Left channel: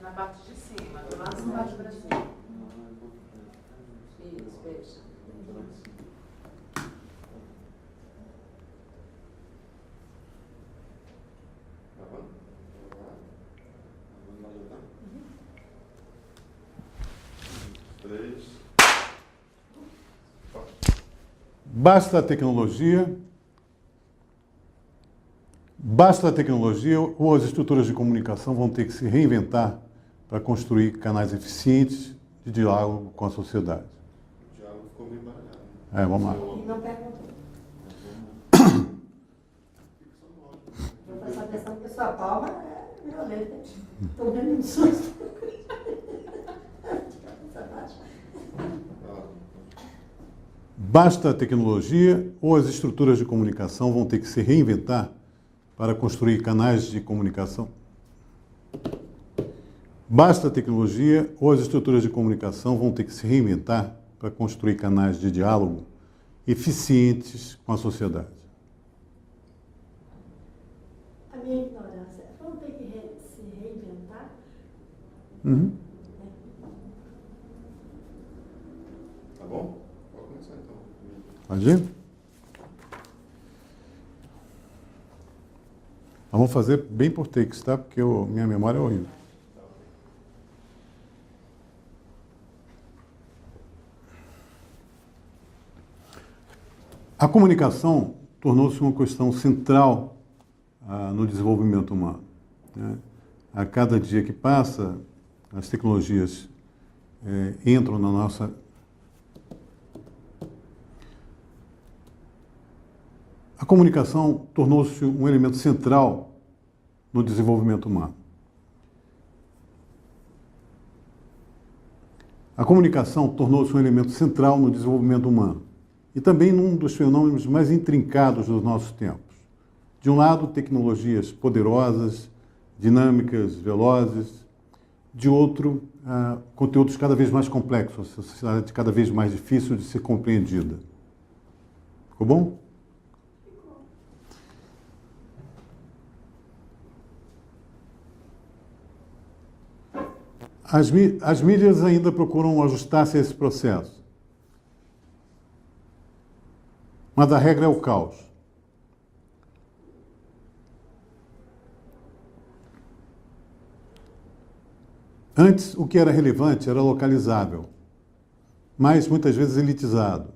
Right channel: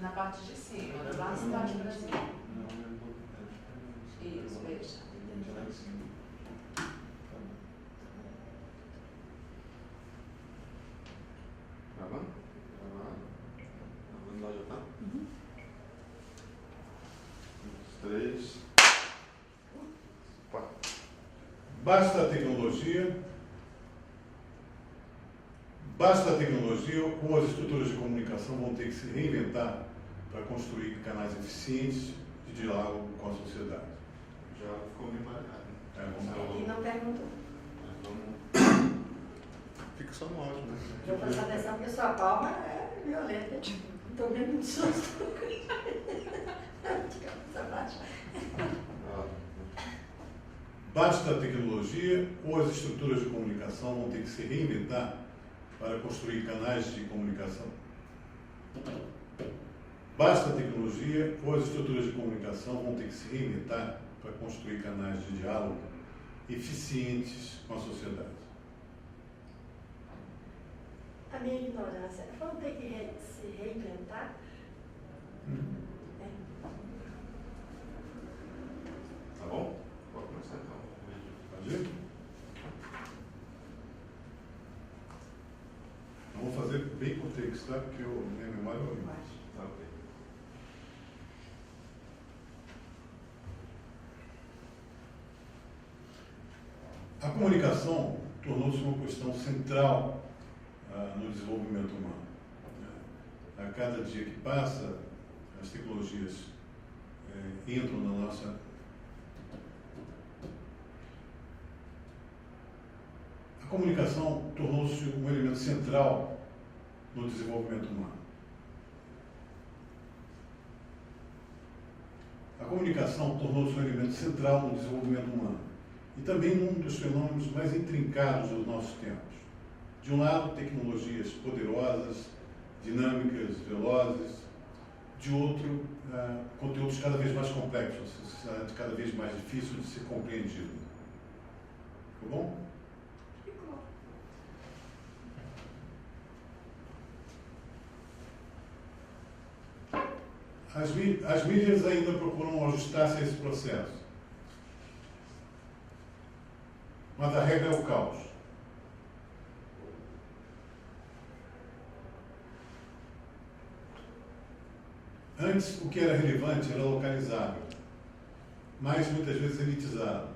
Na parte de cima, do lado de baixo para cima. Isso, fecha. Tá bom? Vamos lá, já tá? 3, 4. Basta a tecnologia. Basta a tecnologia ou as estruturas de comunicação vão ter que se reinventar para construir canais eficientes de diálogo com a sociedade. Já ficou bem marcado. Vamos lá. E não perguntou. Fica só no áudio, né? Eu vou prestar atenção porque sua palma é violenta. Estou vendo um susto. Basta a tecnologia ou as estruturas de comunicação vão ter que se reinventar para construir canais de comunicação. Basta a tecnologia ou as estruturas de comunicação vão ter que se reinventar para construir canais de diálogo eficientes com a sociedade. A minha ignorância, vão ter que se reinventar? Uhum. Tá bom? Pode começar então. Pode ir? Vamos fazer bem por takes, tá? Porque minha memória é horrível. Tá, ok. A comunicação tornou-se uma questão central no desenvolvimento humano, né? A cada dia que passa, as tecnologias entram na nossa... A comunicação tornou-se um elemento central no desenvolvimento humano. A comunicação tornou-se um elemento central no desenvolvimento humano e também num dos fenômenos mais intrincados dos nossos tempos. De um lado, tecnologias poderosas, dinâmicas, velozes. De outro, conteúdos cada vez mais complexos, a sociedade cada vez mais difícil de ser compreendida. Ficou bom? As mídias ainda procuram ajustar-se a esse processo. Mas a regra é o caos. Antes, o que era relevante era localizável, mas muitas vezes elitizado.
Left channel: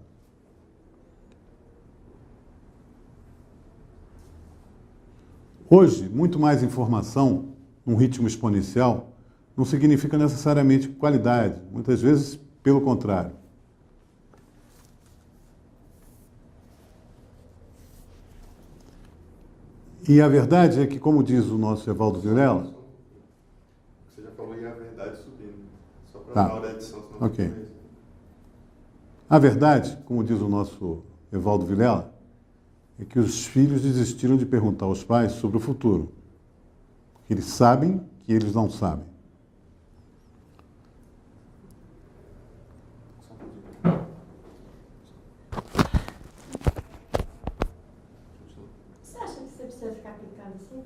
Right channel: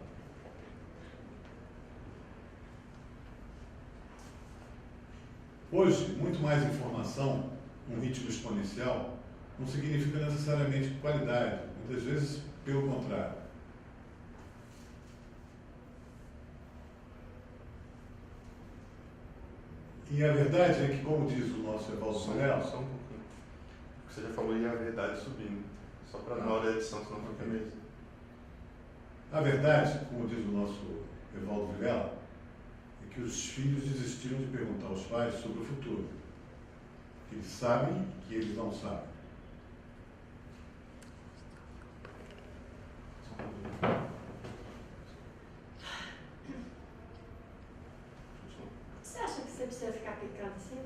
Hoje, muito mais informação, num ritmo exponencial, não significa necessariamente qualidade, muitas vezes pelo contrário. E a verdade é que, como diz o nosso Evaldo Vilela... Só um pouquinho. Você já falou e a verdade subindo. Só para Tá. na hora da edição, senão Ok. não fica mesmo. A verdade, como diz o nosso Evaldo Vilela, é que os filhos desistiram de perguntar aos pais sobre o futuro. Eles sabem que eles não sabem. Você acha que você precisa ficar aplicando assim?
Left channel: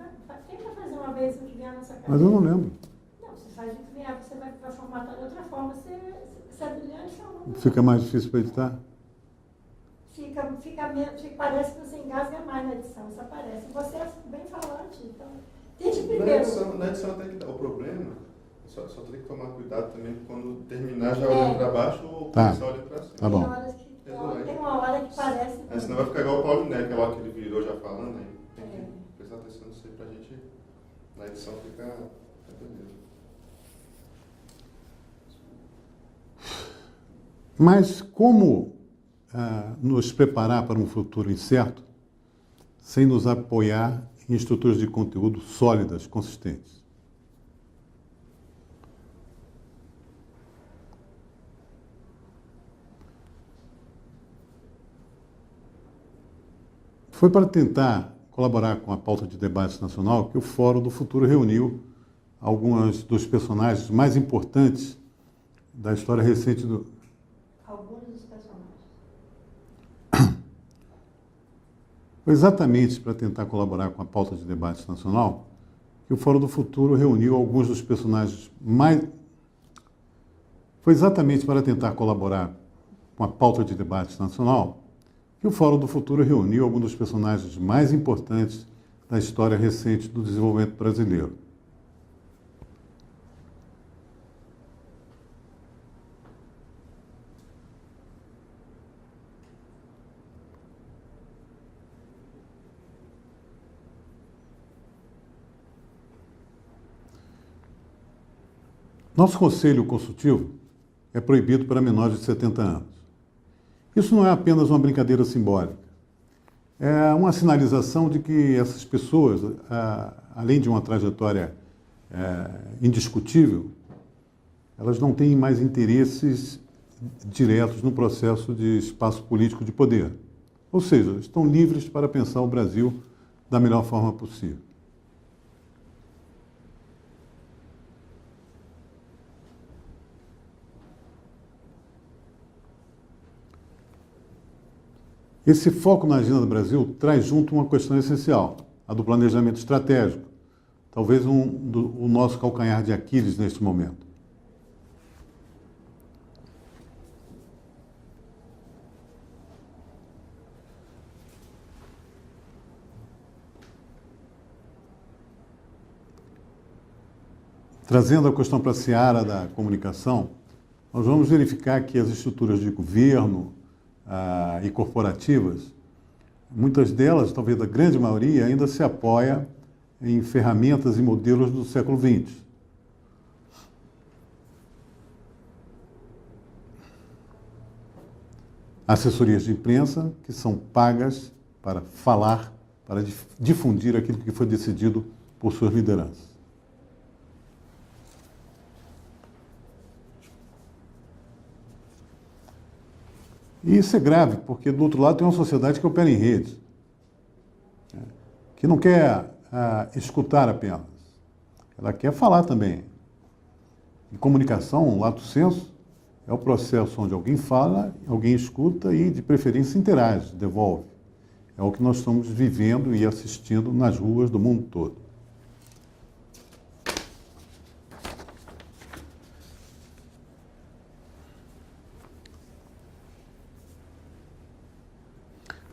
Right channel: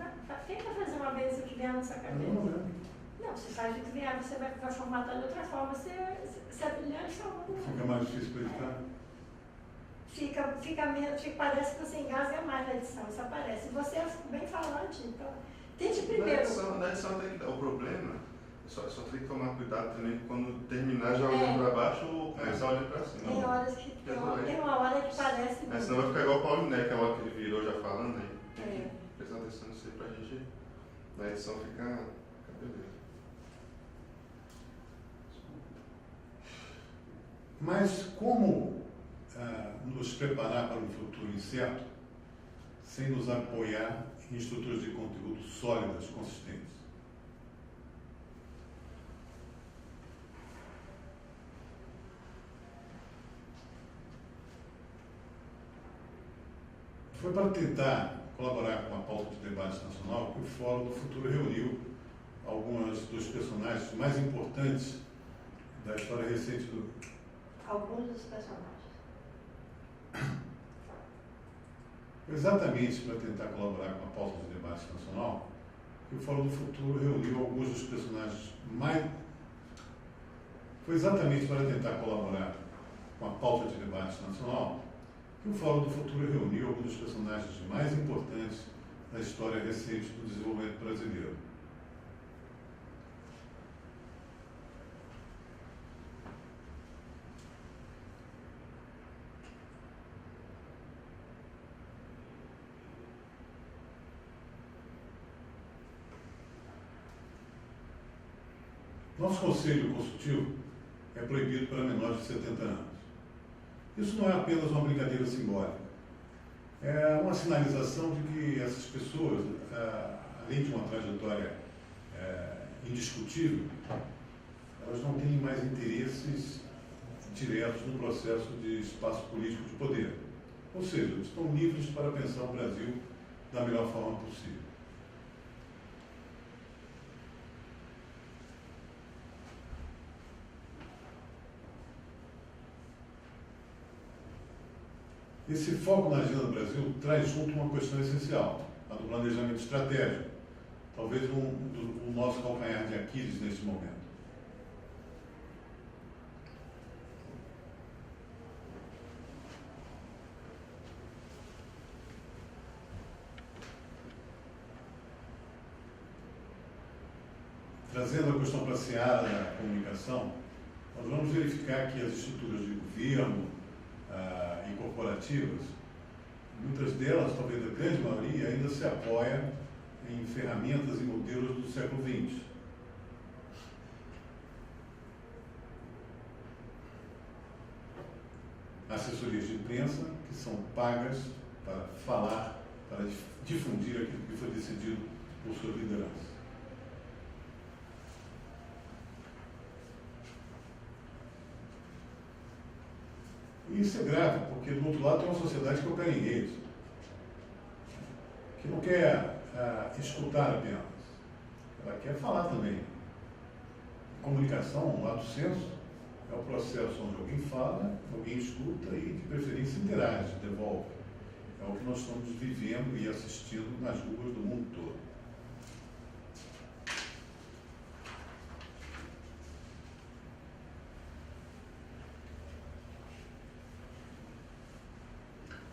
Tenta fazer uma vez o que vier na sua cabeça. Mas eu não lembro. Não, você faz o que vier, você vai formatar de outra forma. Você habilita a Fica mais difícil para editar? Fica menos, parece que você engasga mais na edição, isso aparece. Você é bem falante, então tente primeiro. Na edição até que dá o problema, só tem que tomar cuidado também quando terminar já olhando para baixo ou Tá. começar olhando para cima. Tá bom. Tem horas que tem uma hora que parece. Senão vai ficar igual o Paulo Né, que é a hora que ele virou já falando aí. É. Prestar atenção nisso aí pra gente, na edição ficar beleza. Mas como nos preparar para um futuro incerto sem nos apoiar em estruturas de conteúdo sólidas, consistentes? Foi para tentar colaborar com a pauta de debate nacional que o Fórum do Futuro reuniu alguns dos personagens mais importantes da história recente do... Alguns dos personagens. Foi exatamente para tentar colaborar com a pauta de debate nacional que o Fórum do Futuro reuniu alguns dos personagens mais... Foi exatamente para tentar colaborar com a pauta de debate nacional que o Fórum do Futuro reuniu alguns dos personagens mais importantes da história recente do desenvolvimento brasileiro. Nosso conselho consultivo é proibido para menores de 70 anos. Isso não é apenas uma brincadeira simbólica. É uma sinalização de que essas pessoas, além de uma trajetória indiscutível, elas não têm mais interesses diretos no processo de espaço político de poder. Ou seja, estão livres para pensar o Brasil da melhor forma possível. Esse foco na agenda do Brasil traz junto uma questão essencial, a do planejamento estratégico, talvez o nosso calcanhar de Aquiles neste momento. Trazendo a questão para a seara da comunicação, nós vamos verificar que as estruturas de governo e corporativas, muitas delas, talvez a grande maioria, ainda se apoia em ferramentas e modelos do século XX. Assessorias de imprensa que são pagas para falar, para difundir aquilo que foi decidido por suas lideranças. E isso é grave, porque do outro lado tem uma sociedade que opera em rede, que não quer escutar apenas, ela quer falar também. Em comunicação, lato sensu, é o processo onde alguém fala, alguém escuta e, de preferência, interage, devolve. É o que nós estamos vivendo e assistindo nas ruas do mundo todo.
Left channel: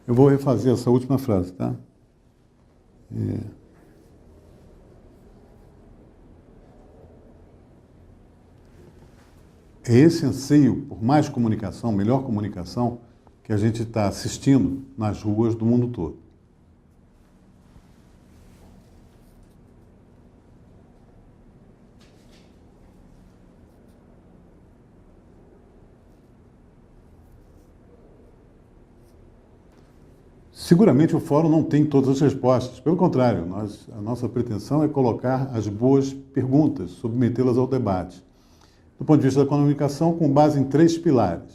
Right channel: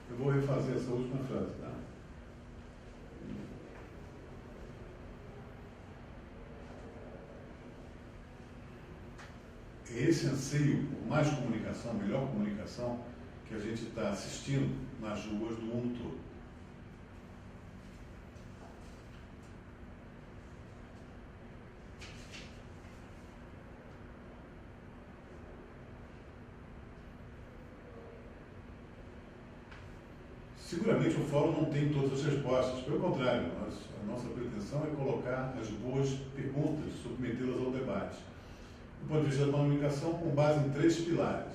Eu vou refazer essa última frase, tá? É esse anseio por mais comunicação, melhor comunicação, que a gente está assistindo nas ruas do mundo todo. Seguramente o fórum não tem todas as respostas, pelo contrário, a nossa pretensão é colocar as boas perguntas, submetê-las ao debate. Do ponto de vista da comunicação, com base em 3 pilares.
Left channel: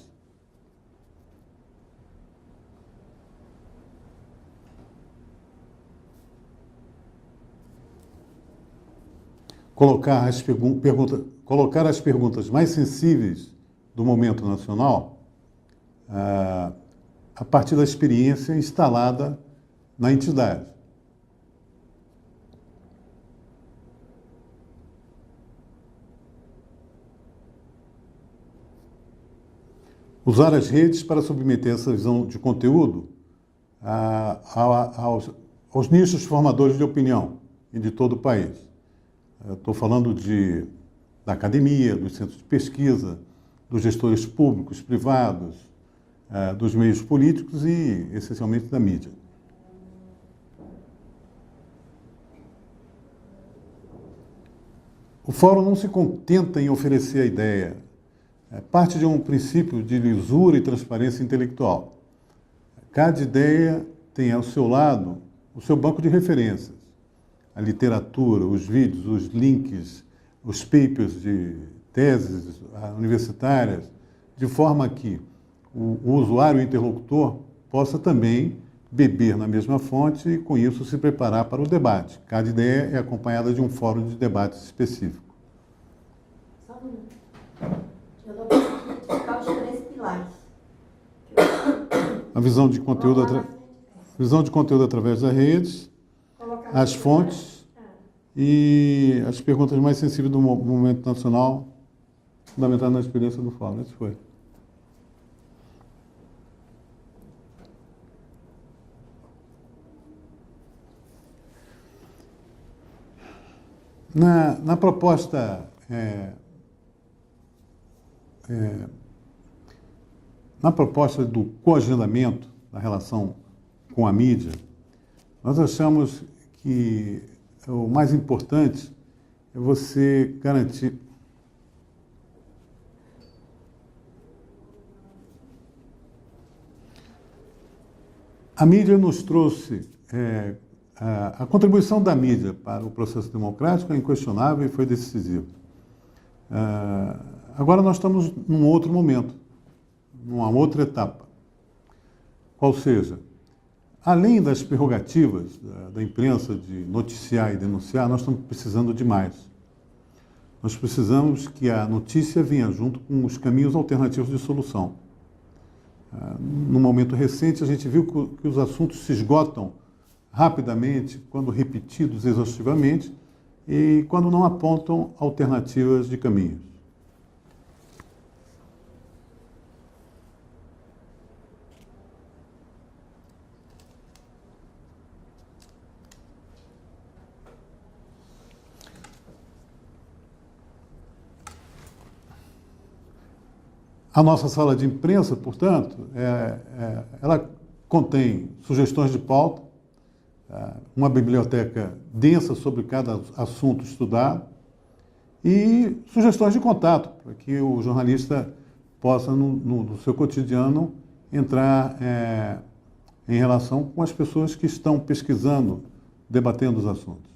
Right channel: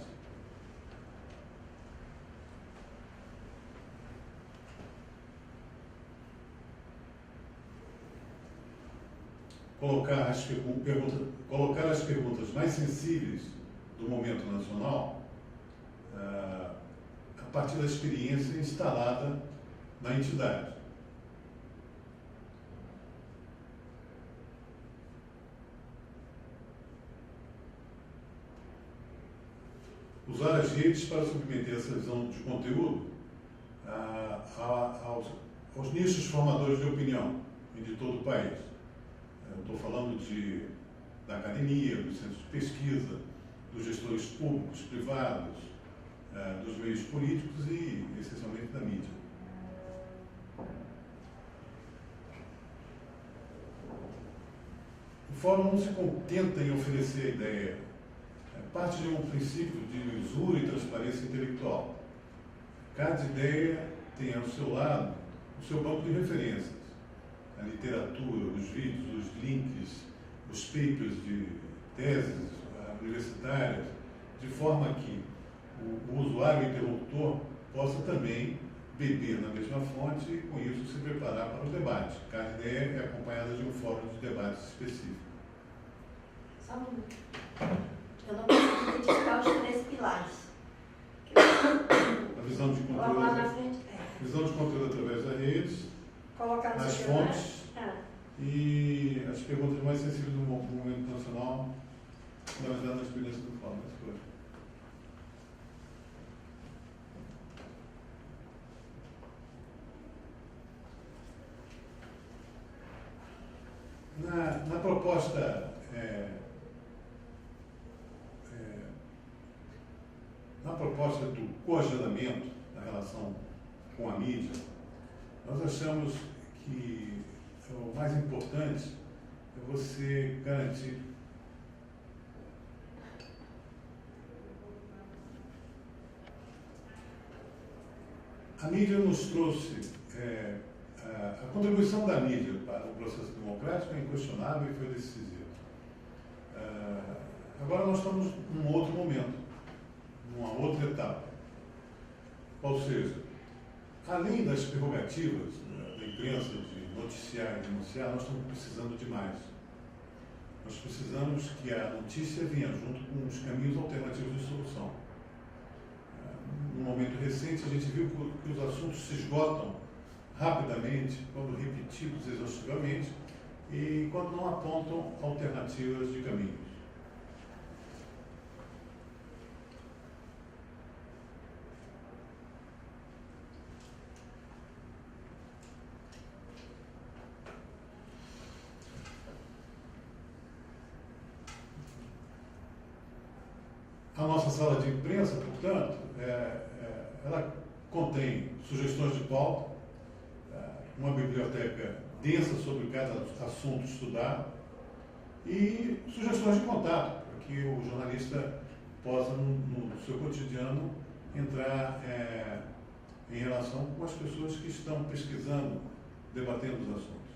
Colocar as perguntas mais sensíveis do momento nacional a partir da experiência instalada na entidade. Usar as redes para submeter essa visão de conteúdo aos nichos formadores de opinião de todo o país. Estou falando da academia, dos centros de pesquisa, dos gestores públicos, privados, dos meios políticos e, essencialmente, da mídia. O fórum não se contenta em oferecer a ideia. Parte de um princípio de lisura e transparência intelectual. Cada ideia tem ao seu lado o seu banco de referências. A literatura, os vídeos, os links, os papers de teses universitárias, de forma que o usuário e o interlocutor possa também beber na mesma fonte e, com isso, se preparar para o debate. Cada ideia é acompanhada de um fórum de debates específico. Só um minuto. Eu não visão de conteúdo, Colocar na frente, visão de conteúdo através das redes, colocar no as celular. fontes e as perguntas mais sensíveis do movimento nacional, fundamentadas na experiência do fórum. Isso foi. Na proposta na proposta do coagendamento da relação com a mídia, nós achamos que o mais importante é você garantir a mídia nos trouxe a contribuição da mídia para o processo democrático é inquestionável e foi decisiva. Agora nós estamos num outro momento, numa outra etapa. Ou seja, além das prerrogativas da imprensa de noticiar e denunciar, nós estamos precisando de mais. Nós precisamos que a notícia venha junto com os caminhos alternativos de solução. No momento recente, a gente viu que os assuntos se esgotam rapidamente, quando repetidos exaustivamente, e quando não apontam alternativas de caminho. A nossa sala de imprensa, portanto, ela contém sugestões de pauta, uma biblioteca densa sobre cada assunto estudado e sugestões de contato, para que o jornalista possa, no seu cotidiano, entrar em relação com as pessoas que estão pesquisando, debatendo os assuntos.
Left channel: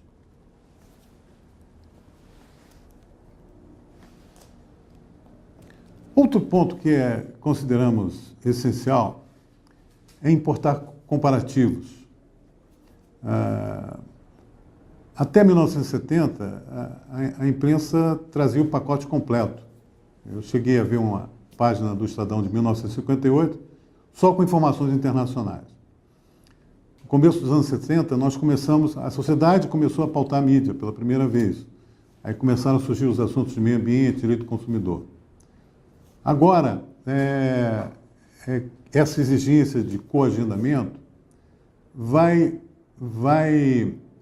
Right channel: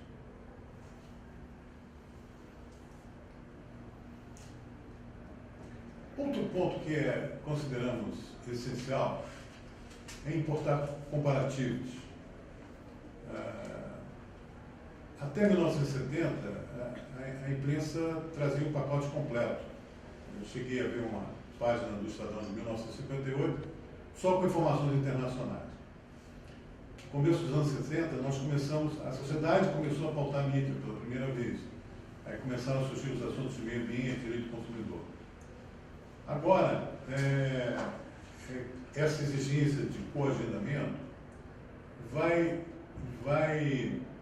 Outro ponto que consideramos essencial é importar comparativos. Até 1970, a imprensa trazia o pacote completo. Eu cheguei a ver uma página do Estadão de 1958 só com informações internacionais. No começo dos anos 70, a sociedade começou a pautar a mídia pela primeira vez. Aí começaram a surgir os assuntos de meio ambiente, direito do consumidor. Agora, essa exigência de coagendamento vai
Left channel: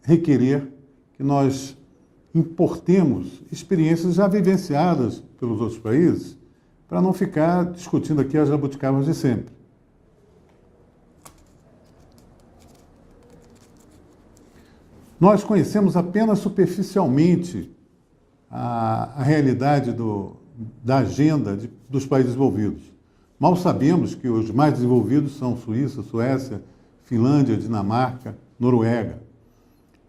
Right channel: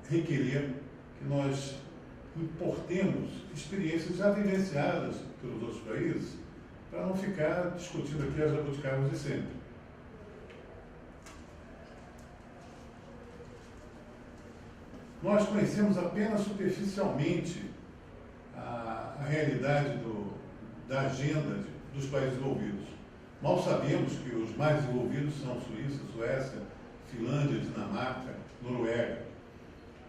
requerer que nós importemos experiências já vivenciadas pelos outros países para não ficar discutindo aqui as jabuticabas de sempre. Nós conhecemos apenas superficialmente a realidade da agenda dos países desenvolvidos. Mal sabemos que os mais desenvolvidos são Suíça, Suécia, Finlândia, Dinamarca, Noruega.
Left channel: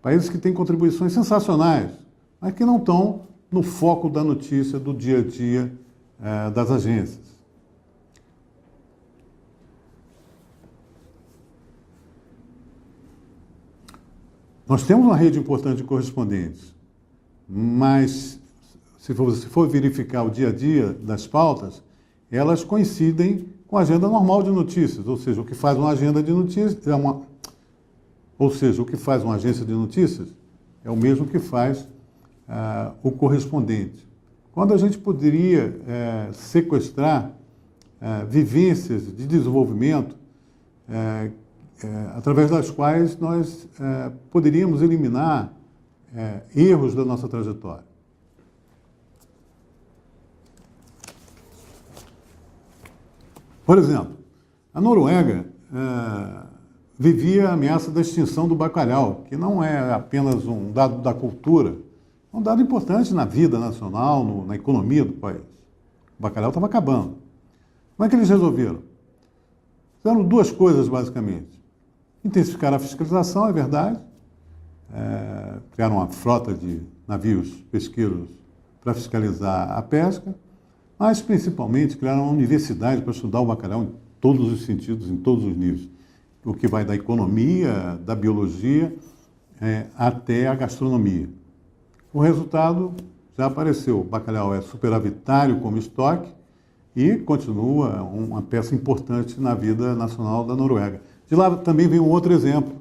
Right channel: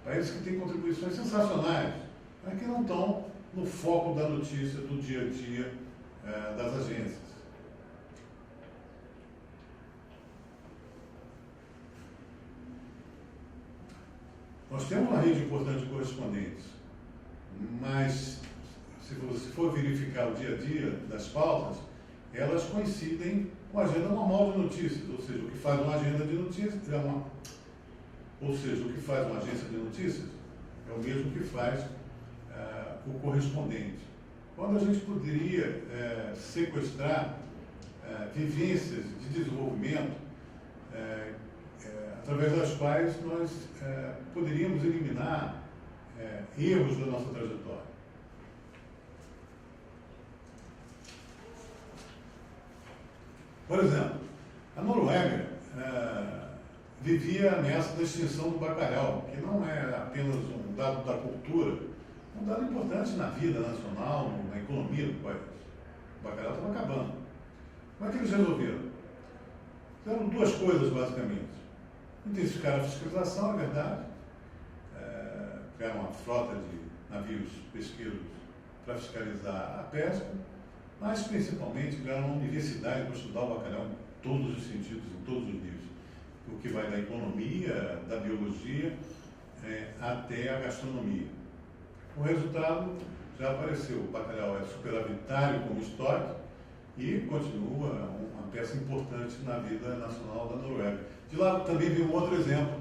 Países que têm contribuições sensacionais, mas que não estão no foco da notícia do dia a dia das agências. Nós temos uma rede importante de correspondentes, mas se for verificar o dia a dia das pautas, elas coincidem com a agenda normal de notícias, ou seja, o que faz uma agenda de notícias o que faz uma agência de notícias é o mesmo que faz o correspondente. Quando a gente poderia sequestrar vivências de desenvolvimento através das quais nós poderíamos eliminar erros da nossa trajetória. Por exemplo, a Noruega vivia a ameaça da extinção do bacalhau, que não é apenas um dado da cultura, é um dado importante na vida nacional, na economia do país. O bacalhau estava acabando. Como é que eles resolveram? Fizeram duas coisas, basicamente. Intensificaram a fiscalização, é verdade. Criaram uma frota de navios pesqueiros para fiscalizar a pesca, mas principalmente criaram uma universidade para estudar o bacalhau em todos os sentidos, em todos os níveis. O que vai da economia, da biologia, até a gastronomia. O resultado já apareceu. O bacalhau é superavitário como estoque e continua uma peça importante na vida nacional da Noruega. De lá também vem um outro exemplo.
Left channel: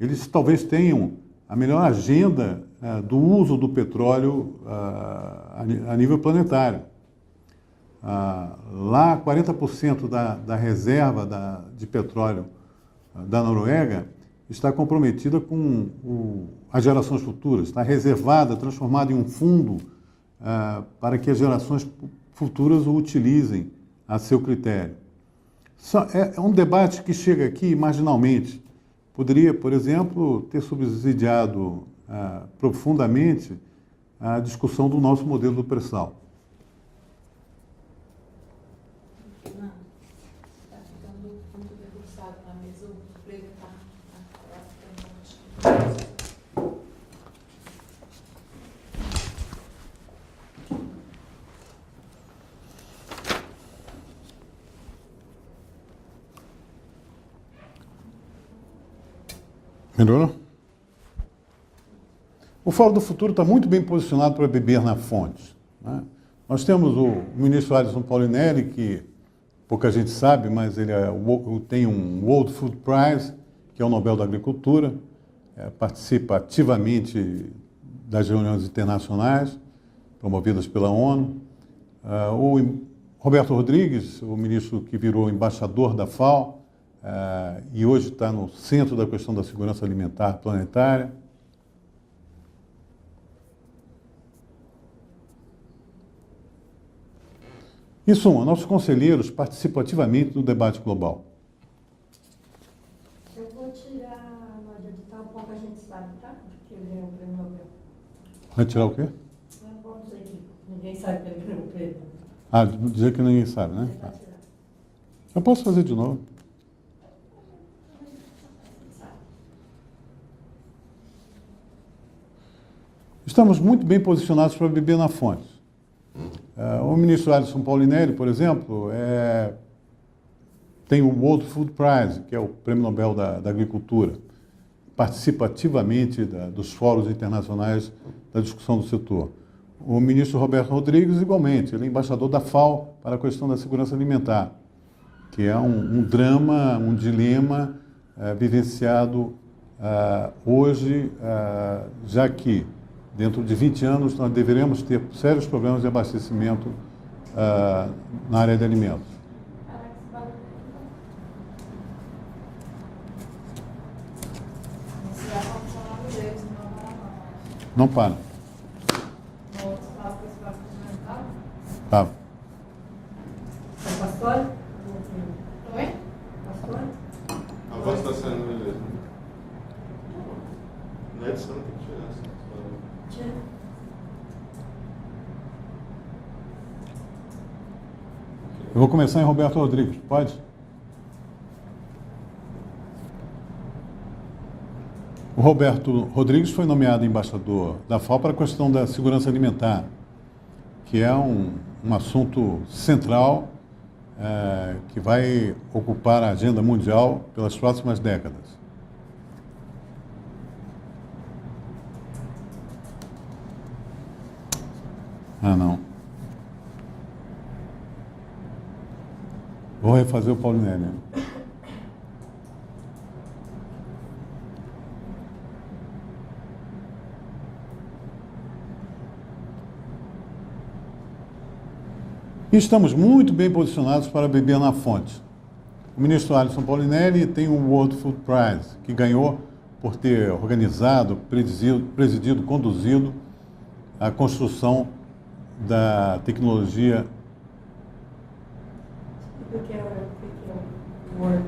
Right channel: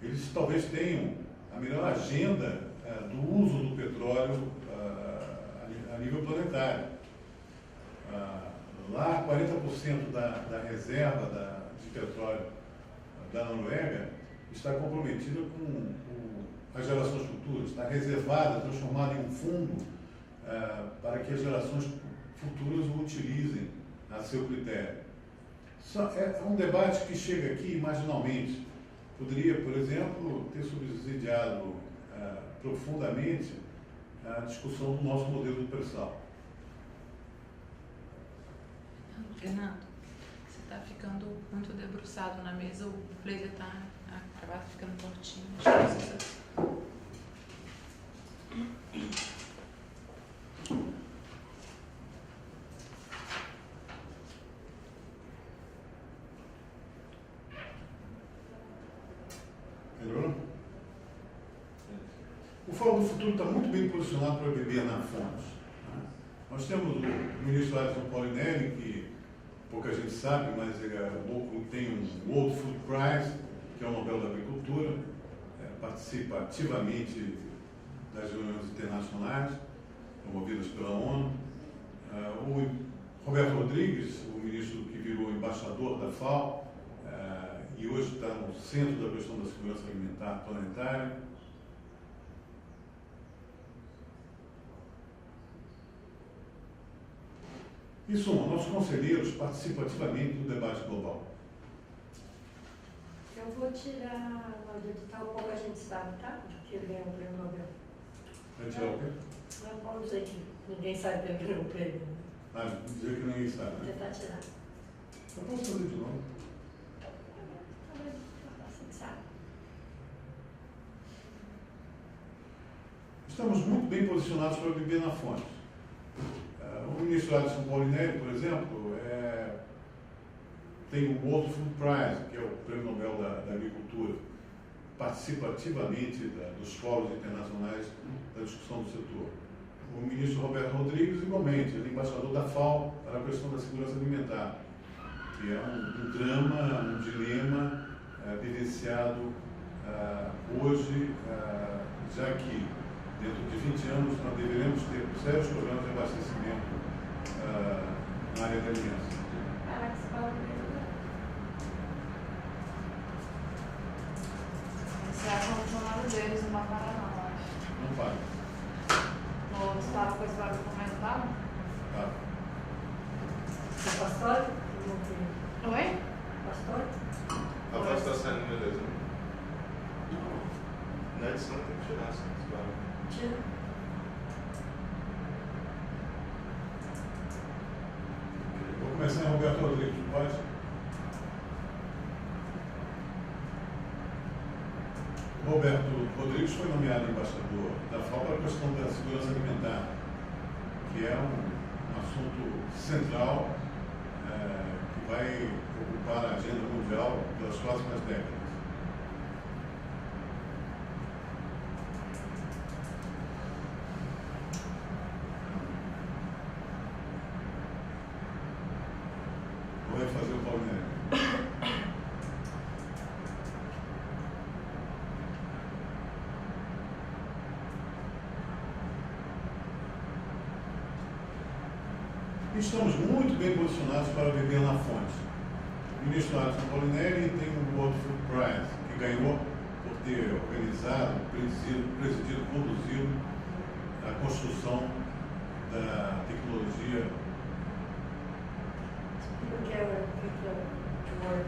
Eles talvez tenham a melhor agenda do uso do petróleo a nível planetário. Lá, 40% da reserva de petróleo da Noruega está comprometida com as gerações futuras, está reservada, transformada em um fundo para que as gerações futuras o utilizem a seu critério. É um debate que chega aqui marginalmente. Poderia, por exemplo, ter subsidiado profundamente a discussão do nosso modelo do pré-sal. Fernando, você está ficando muito debruçado na mesa, o player está ficando curtinho. Melhorou? O Fórum do Futuro está muito bem posicionado para beber na fonte, né? Nós temos o ministro Alisson Paulinelli, que pouca gente sabe, mas ele tem um World Food Prize, que é o Nobel da Agricultura, participa ativamente das reuniões internacionais promovidas pela ONU. O Roberto Rodrigues, o ministro que virou embaixador da FAO, e hoje está no centro da questão da segurança alimentar planetária. Em suma, nossos conselheiros participam ativamente do debate global. Eu vou tirar no edital um pouco a gente sabe, tá? Que ele ganhou o prêmio Nobel. Vai tirar o quê? Não vou dizer que ninguém sabe que ele ganhou o prêmio. Dizer que ninguém sabe, né? Tentar tirar. Eu posso fazer de novo. Assim, sabe? Estamos muito bem posicionados para beber na fonte. O ministro Alisson Paulinelli, por exemplo, tem o World Food Prize, que é o Prêmio Nobel da Agricultura. Participa ativamente dos fóruns internacionais da discussão do setor. O ministro Roberto Rodrigues, igualmente, ele é embaixador da FAO para a questão da segurança alimentar, que é um drama, um dilema vivenciado hoje, já que dentro de 20 anos nós deveremos ter sérios problemas de abastecimento na área de alimentos. Esse é o lado deles, não para não, acho. Não para. O outro lado foi só comentar? Tá. É pastor? Oi? Pastor? A voz está saindo, beleza. Na edição tem que tirar essa. Tira. Eu vou começar em Roberto Rodrigues, pode? O Roberto Rodrigues foi nomeado embaixador da FAO para a questão da segurança alimentar, que é um assunto central que vai ocupar a agenda mundial pelas próximas décadas. Não. Vou refazer o Paulinelli. E estamos muito bem posicionados para beber na fonte. O ministro Alisson Paulinelli tem o World Food Prize, que ganhou por ter organizado, presidido, conduzido a construção da tecnologia. O que é o Word?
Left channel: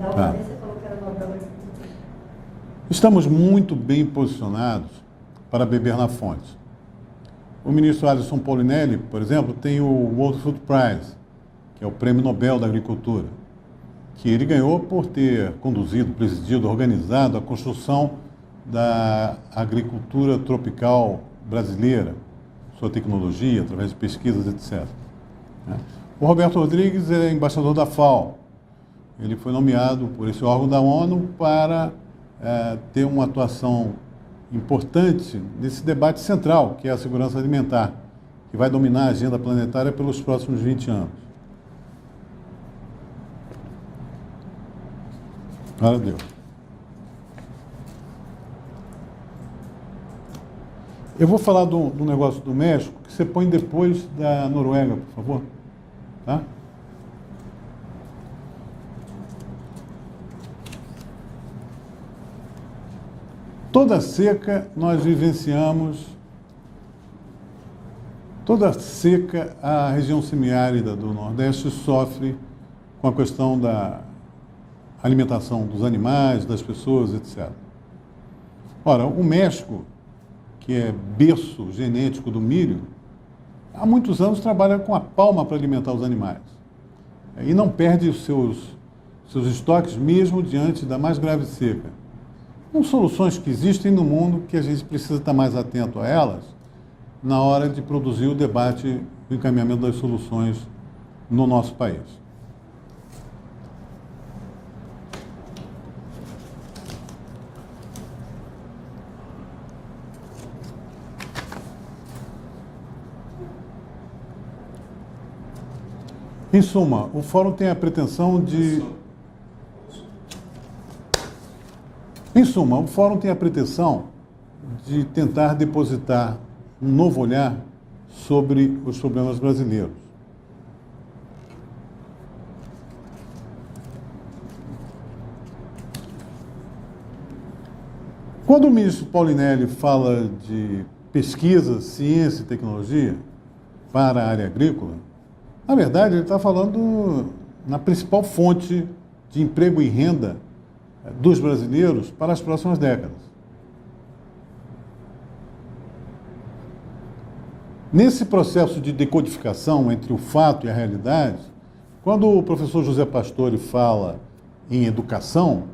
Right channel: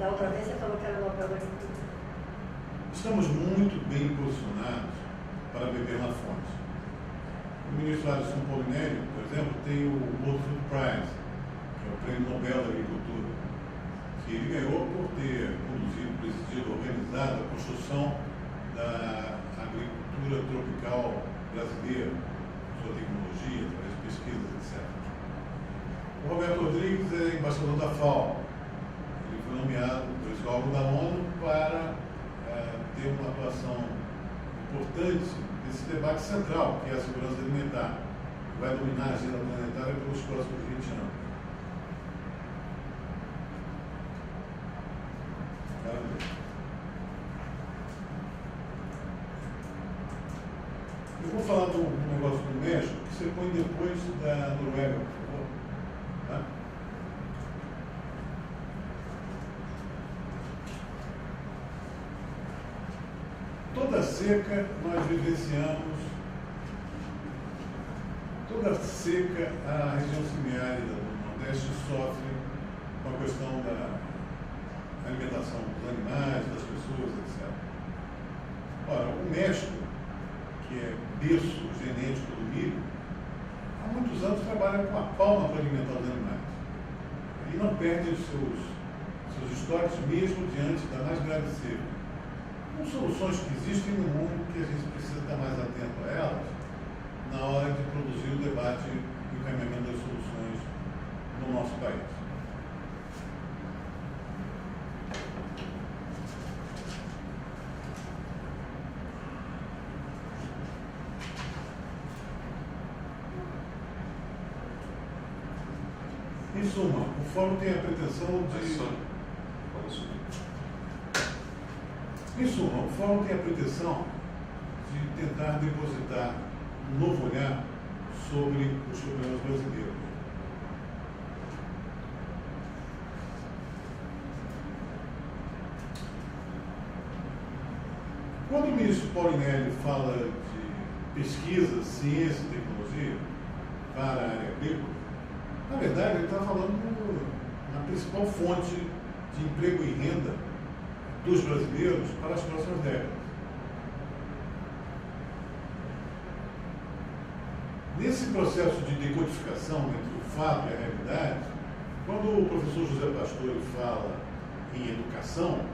Da outra vez você falou que era o Nobel da Agricultura. Estamos muito bem posicionados para beber na fonte. O ministro Alisson Paulinelli, por exemplo, tem o World Food Prize, que é o Prêmio Nobel da Agricultura, que ele ganhou por ter conduzido, presidido, organizado a construção da agricultura tropical brasileira, sua tecnologia, através de pesquisas, etc. O Roberto Rodrigues é embaixador da FAO. Ele foi nomeado por esse órgão da ONU para ter uma atuação importante nesse debate central, que é a segurança alimentar. que vai dominar a agenda planetária pelos próximos 20 anos. Glória a Deus. Eu vou falar do negócio do México, que você põe depois da Noruega, por favor. Tá? Toda seca nós vivenciamos, toda seca a região semiárida do Nordeste sofre com a questão da alimentação dos animais, das pessoas, etc. Ora, o México, que é berço genético do milho, há muitos anos trabalha com a palma para alimentar os animais. E não perde os seus estoques mesmo diante da mais grave seca. São soluções que existem no mundo que a gente precisa estar mais atento a elas na hora de produzir o debate do encaminhamento das soluções no nosso país. Em suma, o Fórum tem a pretensão de... Em suma, o Fórum tem a pretensão de tentar depositar um novo olhar sobre os problemas brasileiros. Quando o ministro Paulinelli fala de pesquisa, ciência e tecnologia para a área agrícola, na verdade ele está falando na principal fonte de emprego e renda dos brasileiros para as próximas décadas. Nesse processo de decodificação entre o fato e a realidade, quando o professor José Pastore fala em educação,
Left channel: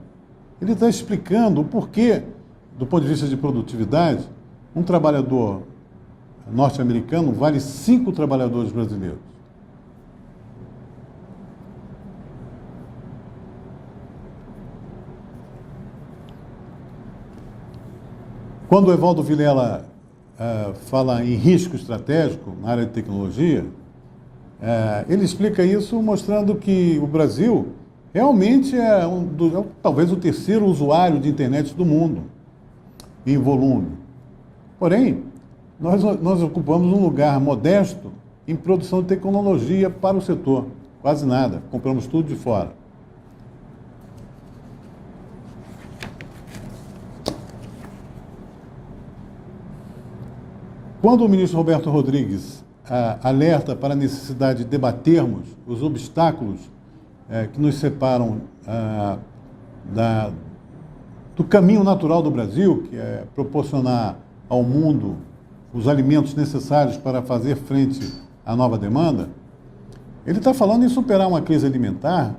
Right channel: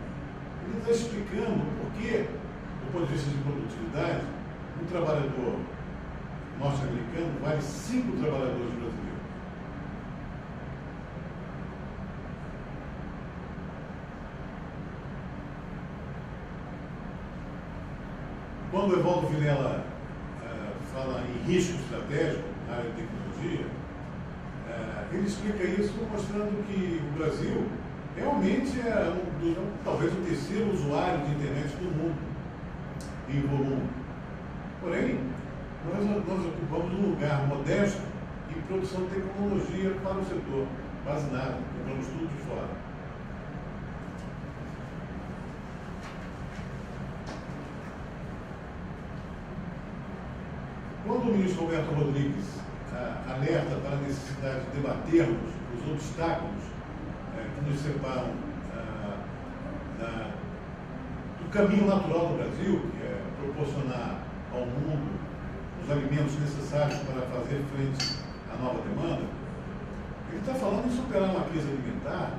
ele está explicando o porquê, do ponto de vista de produtividade, um trabalhador norte-americano vale 5 trabalhadores brasileiros. Quando o Evaldo Vilela fala em risco estratégico na área de tecnologia, ele explica isso mostrando que o Brasil realmente é talvez o terceiro usuário de internet do mundo, em volume. Porém, nós ocupamos um lugar modesto em produção de tecnologia para o setor, quase nada, compramos tudo de fora. Quando o ministro Roberto Rodrigues alerta para a necessidade de debatermos os obstáculos que nos separam do caminho natural do Brasil, que é proporcionar ao mundo os alimentos necessários para fazer frente à nova demanda, ele está falando em superar uma crise alimentar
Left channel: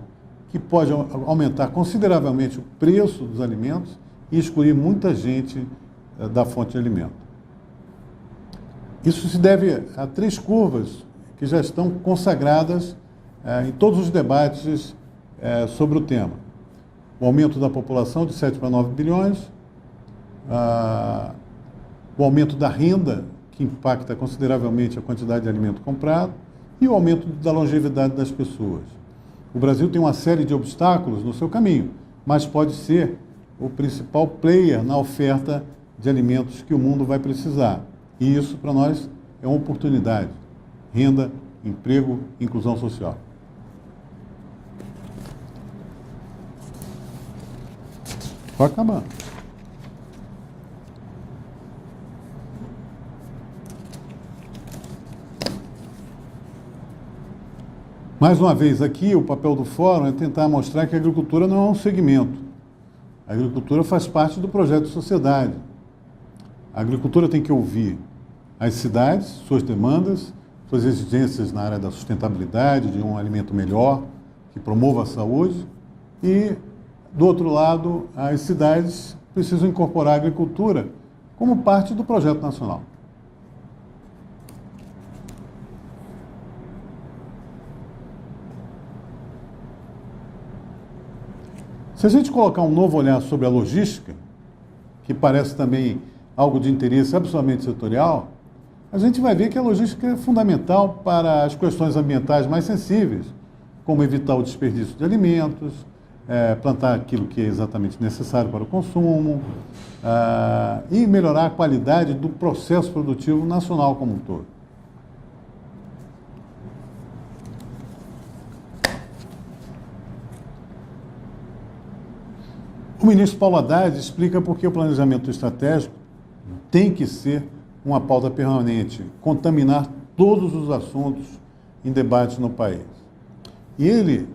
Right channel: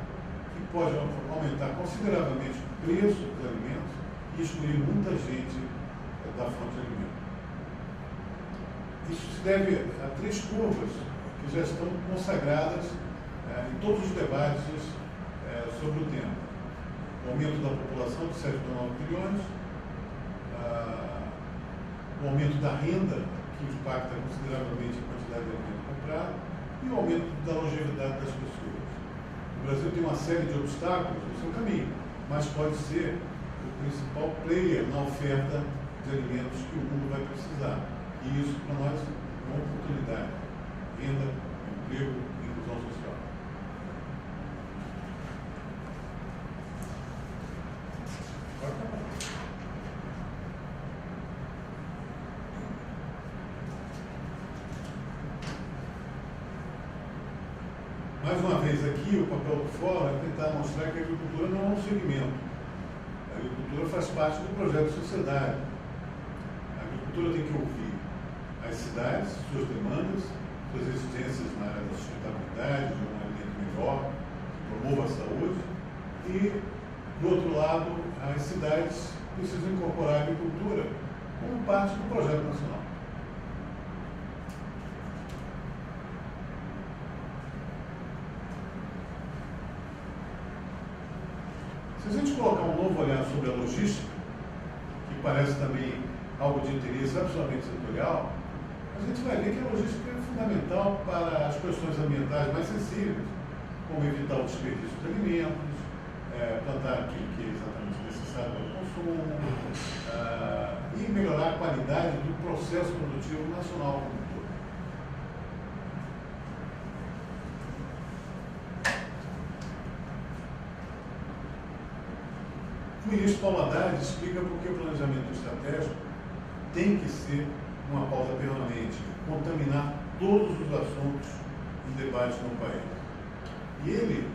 que pode aumentar consideravelmente o preço dos alimentos e excluir muita gente da fonte de alimento. Isso se deve a 3 curvas que já estão consagradas em todos os debates sobre o tema. O aumento da população de 7 para 9 bilhões, o aumento da renda, que impacta consideravelmente a quantidade de alimento comprado, e o aumento da longevidade das pessoas. O Brasil tem uma série de obstáculos no seu caminho, mas pode ser o principal player na oferta de alimentos que o mundo vai precisar. E isso, para nós, é uma oportunidade. Renda, emprego, inclusão social. Pode acabar. Mais uma vez, aqui, o papel do Fórum é tentar mostrar que a agricultura não é um segmento. A agricultura faz parte do projeto de sociedade. A agricultura tem que ouvir as cidades, suas demandas, suas exigências na área da sustentabilidade, de um alimento melhor, que promova a saúde, e, do outro lado, as cidades precisam incorporar a agricultura como parte do projeto nacional. Se a gente colocar um novo olhar sobre a logística, que parece também algo de interesse absolutamente setorial, a gente vai ver que a logística é fundamental para as questões ambientais mais sensíveis, como evitar o desperdício de alimentos, plantar aquilo que é exatamente necessário para o consumo, e melhorar a qualidade do processo produtivo nacional como um todo. O ministro Paulo Haddad explica por que o planejamento estratégico tem que ser uma pauta permanente, contaminar todos os assuntos em debate no país. E ele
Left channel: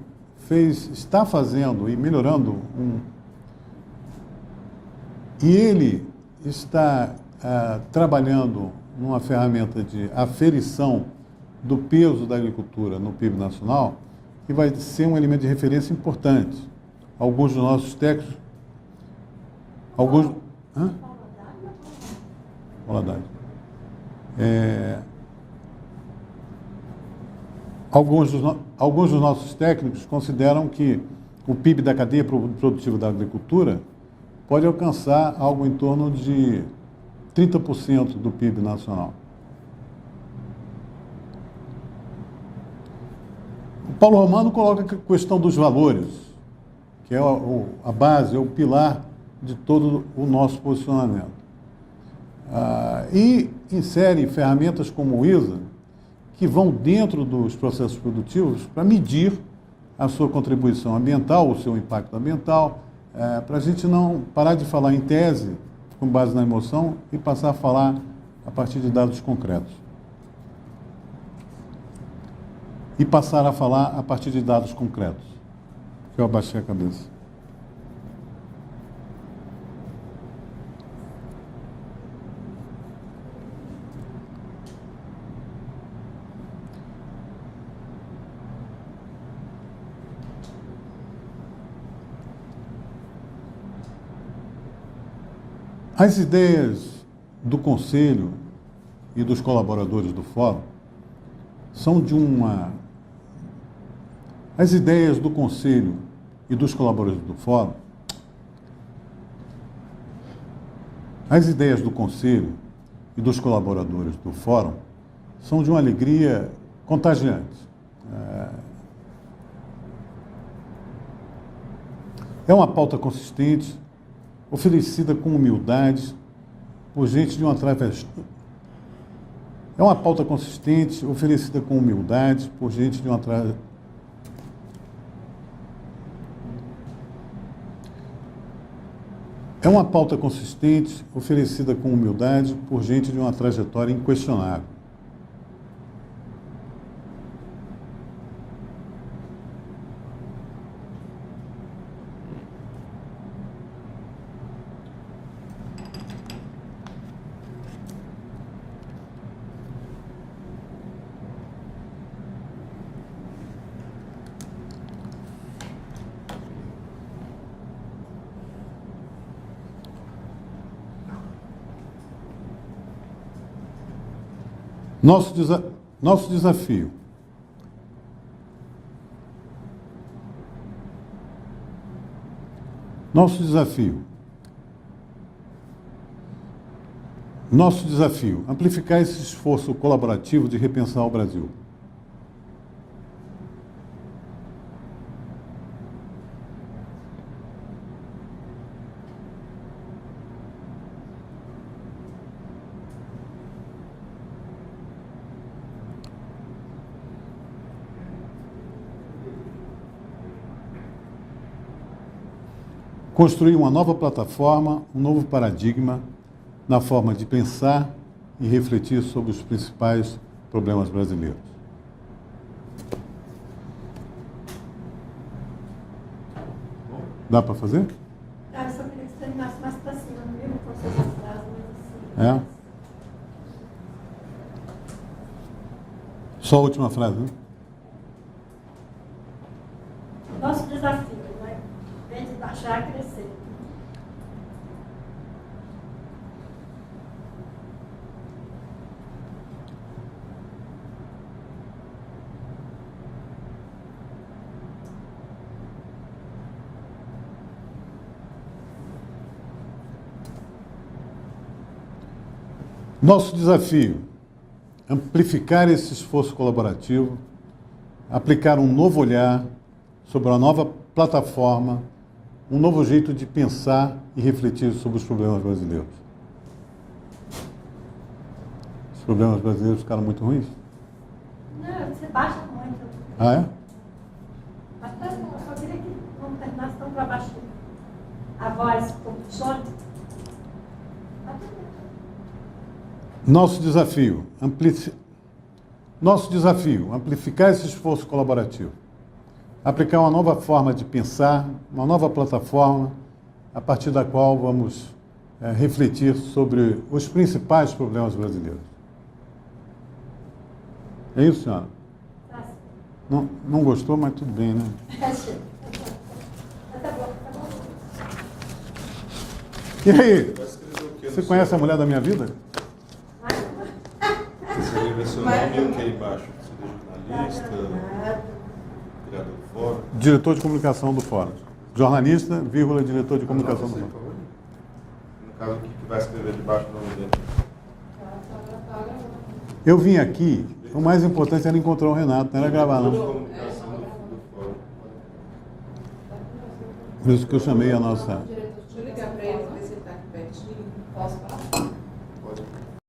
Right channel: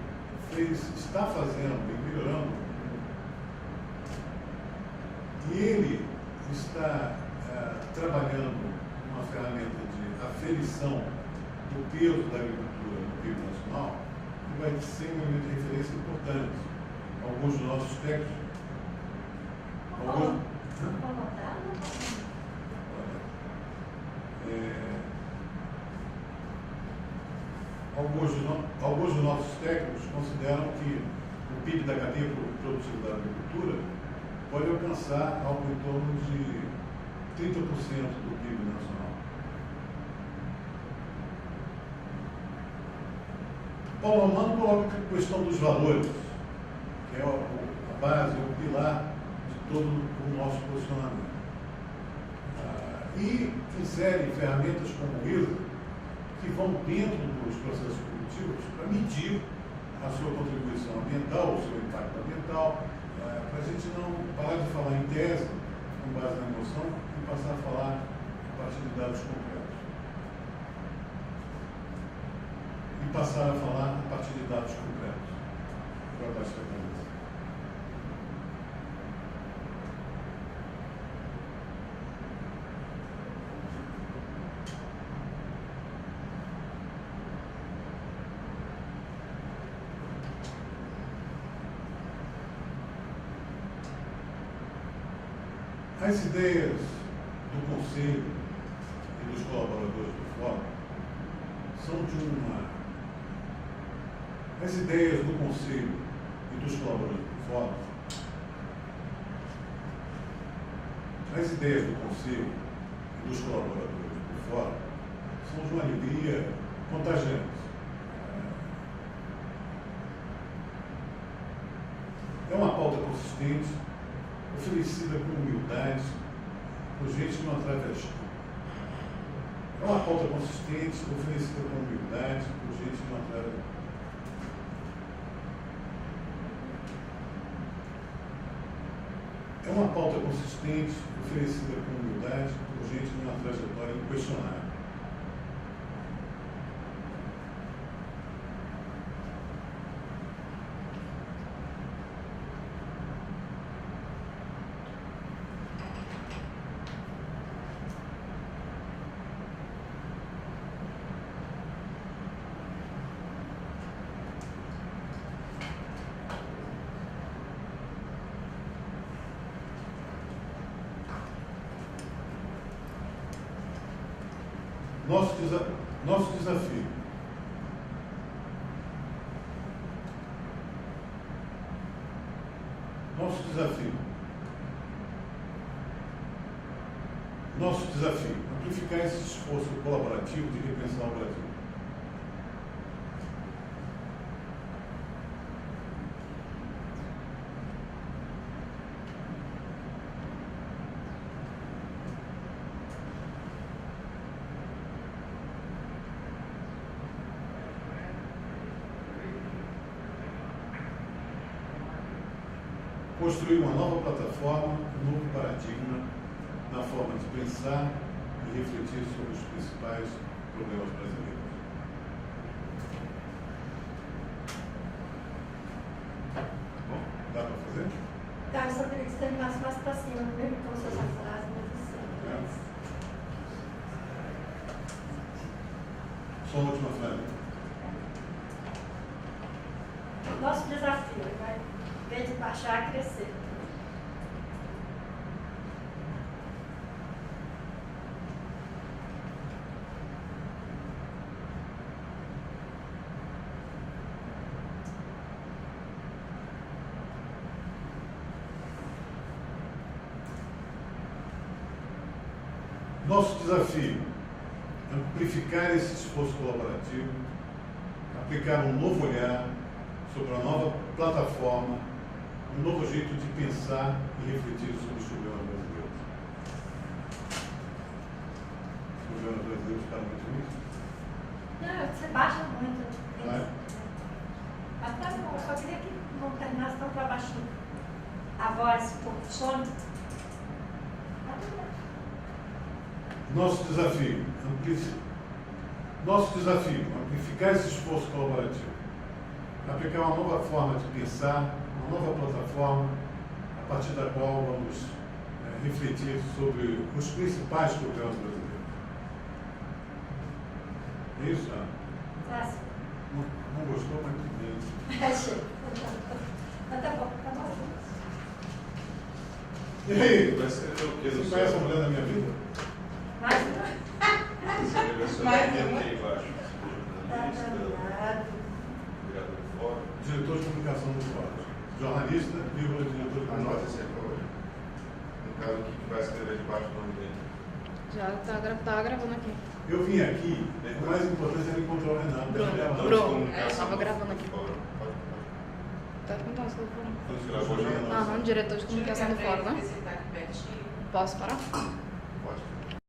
está fazendo e melhorando e ele está trabalhando numa ferramenta de aferição do peso da agricultura no PIB nacional, que vai ser um elemento de referência importante. Alguns dos nossos técnicos, alguns dos nossos técnicos consideram que o PIB da cadeia produtiva da agricultura pode alcançar algo em torno de 30% do PIB nacional. O Paulo Romano coloca a questão dos valores, que é a base, é o pilar de todo o nosso posicionamento. E insere ferramentas como o ISA, que vão dentro dos processos produtivos para medir a sua contribuição ambiental, o seu impacto ambiental, para a gente não parar de falar em tese, com base na emoção, e passar a falar a partir de dados concretos. E passar a falar a partir de dados concretos. Eu abaixei a cabeça. As ideias do Conselho e dos colaboradores do Fórum são de uma... As ideias do Conselho e dos colaboradores do Fórum... As ideias do Conselho e dos colaboradores do Fórum são de uma alegria contagiante. É uma pauta consistente, oferecida com humildade, por gente de uma travessia. É uma pauta consistente, oferecida com humildade, por gente de uma travessia. É uma pauta consistente, oferecida com humildade, por gente de uma trajetória inquestionável. Nosso desafio. Nosso desafio, amplificar esse esforço colaborativo de repensar o Brasil. Construir uma nova plataforma, um novo paradigma na forma de pensar e refletir sobre os principais problemas brasileiros. Dá para fazer? Tá, eu só queria que você terminasse mais para cima, mesmo com suas frases, mas assim. Só a última frase, né? Nosso desafio, né? Em vez de baixar, crescer. Nosso desafio amplificar esse esforço colaborativo, aplicar um novo olhar sobre uma nova plataforma, um novo jeito de pensar e refletir sobre os problemas brasileiros. Os problemas brasileiros ficaram muito ruins? Não, você baixa muito. Ah, é? Mas tá bom, eu só queria que não terminasse tão para baixo a voz, um pouco de sono. Tá tudo bem. Nosso desafio, amplificar esse esforço colaborativo, aplicar uma nova forma de pensar, uma nova plataforma, a partir da qual vamos refletir sobre os principais problemas brasileiros. É isso, senhora? Fácil. Não gostou, mas tudo bem, né? Achei. Mas tá bom, tá bom. E aí, Vai escrever o quê? você conhece a mulher da minha vida? Vai. Esse livro é seu nome e o que aí embaixo? Você é jornalista, criador do fórum? Diretor de comunicação do Fórum. Jornalista, vírgula, diretor de comunicação do Fórum. No caso aqui, que vai escrever debaixo do nome dele. Já tá gravando aqui. Eu vim aqui, o mais importante era encontrar o Renato, não era gravar, não. Durou. Tava gravando aqui. Tá Por isso que eu chamei a nossa... Diretor de comunicação do fórum, né? Posso parar?